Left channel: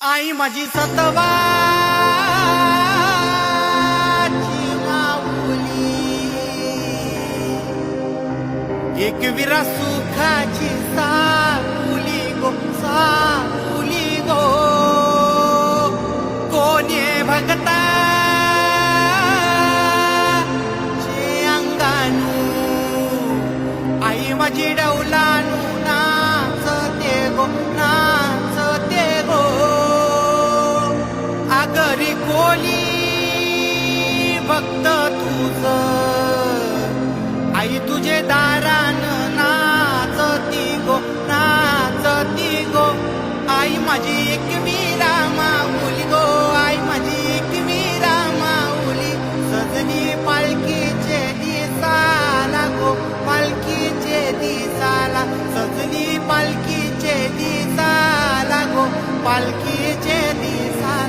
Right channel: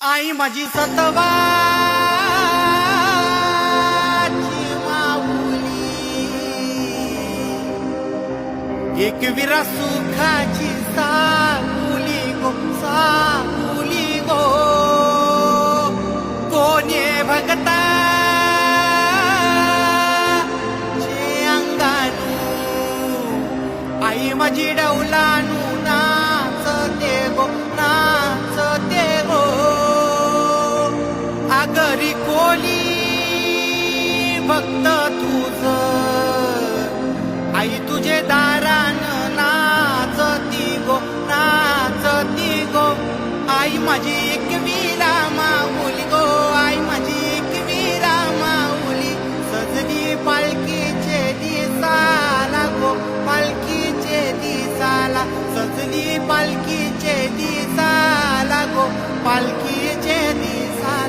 आई माझी सतवाची माऊली, एकविरा सुखाची साऊली गो, साऊली गो. कोणी भगता चे अंगानू आई माझी डौलानू नाचते गो, नाचते गो. आगरी कोली भक्त तुझ आई तुझे दारान नाचती गो, नाचती गो. आई माझी एकविरा माऊली गो, आई माझी एकविरा माऊली. सजली पालखीचे दिसाला गो, पालखीचे दिसाला. सजली पालखीचे दिसाला गो, पालखीचे दिसाला.